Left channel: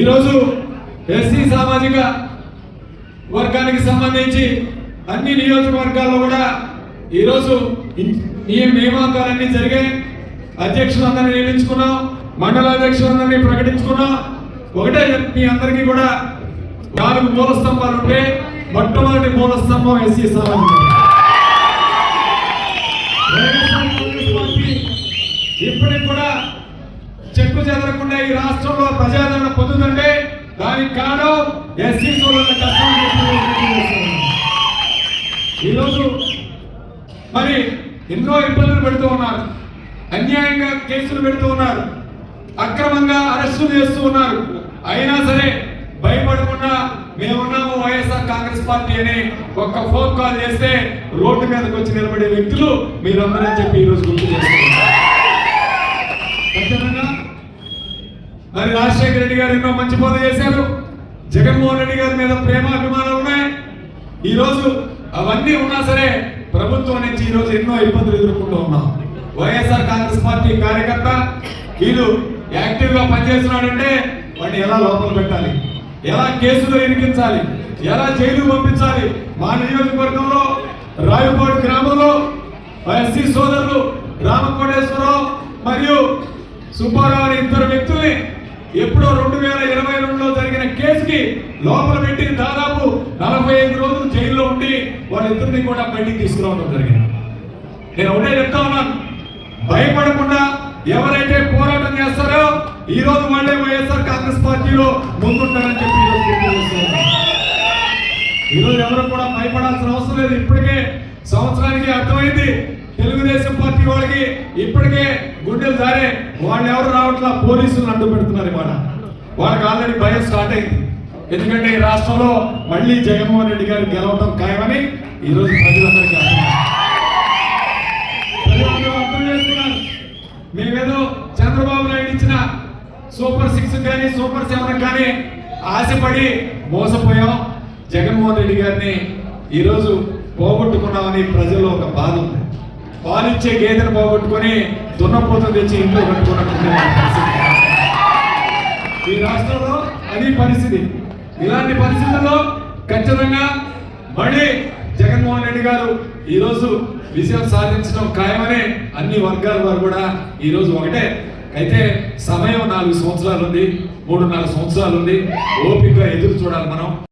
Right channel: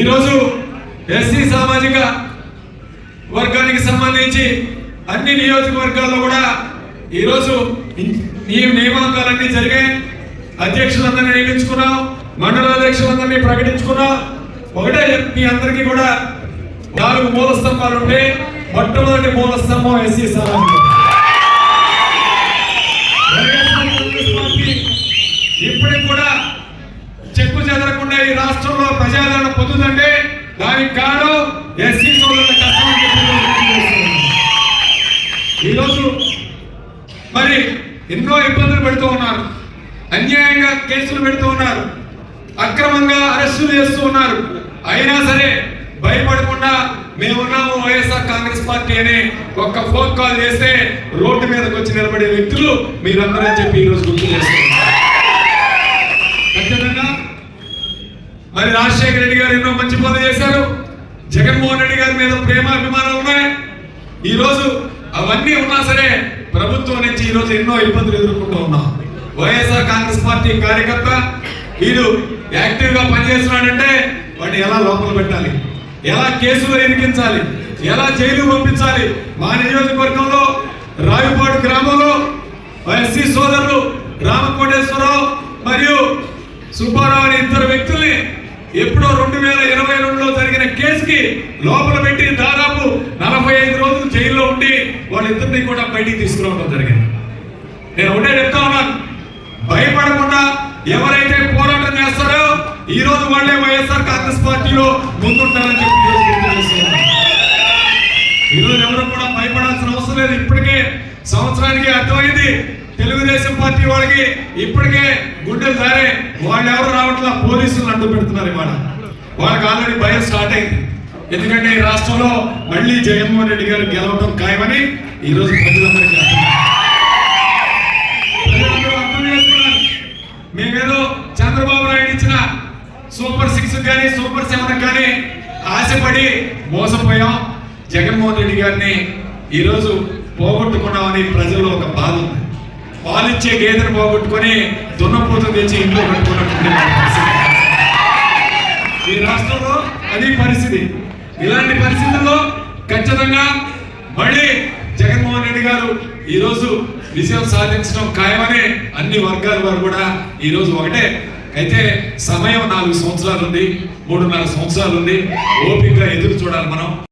ఈరోజు ఎస్సీ సామాజిక వర్గానికి సంబంధించి అన్ని నియోజకవర్గాల్లో కూడా ఈరోజు నియామకాలన్నీ జరిగాయి. అధ్యక్షులందరినీ నియమించుకున్నాం, మండలాధ్యక్షులందరినీ ప్రకటించుకున్నాం. ఒకటే మీ అందరికీ కూడా 4 మూల స్తంభాలు ఉంటే మొట్టమొదటి మూల స్తంభం ఎస్సీ సామాజిక. ఇప్పటికి కూడా చెక్కు చెదరకుండా ఈ రాష్ట్రంలో ప్రజాదరణ పొందుతుంటే దానికి కారణం ఎస్సీ సోదరుల కష్టం. ఈరోజు మరి ఎన్నో ఇబ్బందులు పెడుతూ ఉన్నారు, అన్యాయంగా కేసులు పెడుతూ ఉన్నారు, అక్రమంగా అరెస్టులు చేస్తూ ఉన్నారు. అయినా సరే భయపడకుండా మేమున్నాము వైఎస్ఆర్ కాంగ్రెస్ పార్టీ అని ఒక్క ఫోన్ కాల్ చేస్తే రోడ్డు మీదకి వచ్చి నిలబడే వ్యక్తులు మీరందరూ అని చెప్పి ఈరోజు గుర్తు చేస్తున్నారు. ఖచ్చితంగా మరి రాజశేఖర రెడ్డి గారు ఎన్నో మంచి పనులు చేశారు. జగన్మోహన్ రెడ్డి గారి మీద ప్రేమాభిమానాలు ఉన్నాయి. ఈరోజు అవన్నీ ఉన్నా సరే ప్రభుత్వం నుంచి ఈరోజు ఎన్నో ఇబ్బందులు ఎదుర్కొంటూ ఉన్నాం. వైఎస్ఆర్ కాంగ్రెస్ పార్టీ కార్యకర్త వీరు యాక్టివ్ గా పనిచేస్తున్నాడంటే వాడిని ఎలా లోపల పెట్టాలి, ఎలా కేసులు ఎరికించాలి, ఎలా జైలు పంపించాలి. మా నియోజకవర్గంలో రావిపాడు గ్రామంలో ఎస్సీ సోదరులు రామకోటేశ్వరరావు మరియు సుబ్బారావు అనే 2 వ్యక్తుల్ని ఎప్పుడో 2022లో జరిగిన కేసుకి లోపల పెట్టి దాదాపు 45 రోజులు జైల్లో ఉండి వాళ్ళిద్దరిని కూడా బయటికి తీసుకురావడం జరిగింది. నేను ఒకటే చెప్తా ఉన్నాను, భయపడకుండా ఎవరైతే పోరాటం చేస్తారో ఈ రోజు వాళ్ళే వైఎస్ఆర్ కాంగ్రెస్ పార్టీలో ముందుంటారని చెప్పి ఈరోజు ఎవరు కూడా భయపడాల్సిన అవసరం లేదు. ఇప్పటికే సంవత్సరానికి అర్థమైంది తెలుగుదేశం పార్టీ వాళ్ళకి. ఇప్పటికే గుండెలు దారే వాళ్ళు ఎవరు రావట్లా, పోలీసులు అడ్డు పెడుతున్నారు. ఇవాళ వాళ్ళకి ఆల్రెడీ భయం స్టార్ట్ అయింది. ఎందుకంటే ఈ రాష్ట్రంలో మళ్ళీ జగన్మోహన్ రెడ్డి గారు గెలవడం ఖాయమని ఈరోజు ప్రజలందరికీ అర్థం చేస్తున్నారు. మేమేదో చంద్రబాబు నాయుడు ఇచ్చిన సూపర్ 6 కానీ సూపర్ 7 కానీ ఆశపడి మోసపోయాం. జగన్మోహన్ రెడ్డి గారిని ఈరోజు పోగొట్టుకున్నామని ప్రజల్లో ఒక బాధ ఉంది. పాలిచ్చే గేదెను పోగొట్టుకొని దున్నపోతు తెచ్చి ఇంట్లో పెట్టుకున్నట్టు ఈ రాష్ట్రంలో అది పరిస్థితి. ఇలాంటి పరిస్థితుల్లో ఖచ్చితంగా మళ్ళీ జగన్మోహన్ రెడ్డి గారు ఈరోజు విజయం సాధించడం ఖాయమని అన్ని వర్గాల వారు కూడా ఈరోజు ఒకటే. అయితే సమయం 4 సంవత్సరాలు ఉంది, 3.5 సంవత్సరాలు ఉంది. ఓపికగా ఎదురు చూడాలి మనం.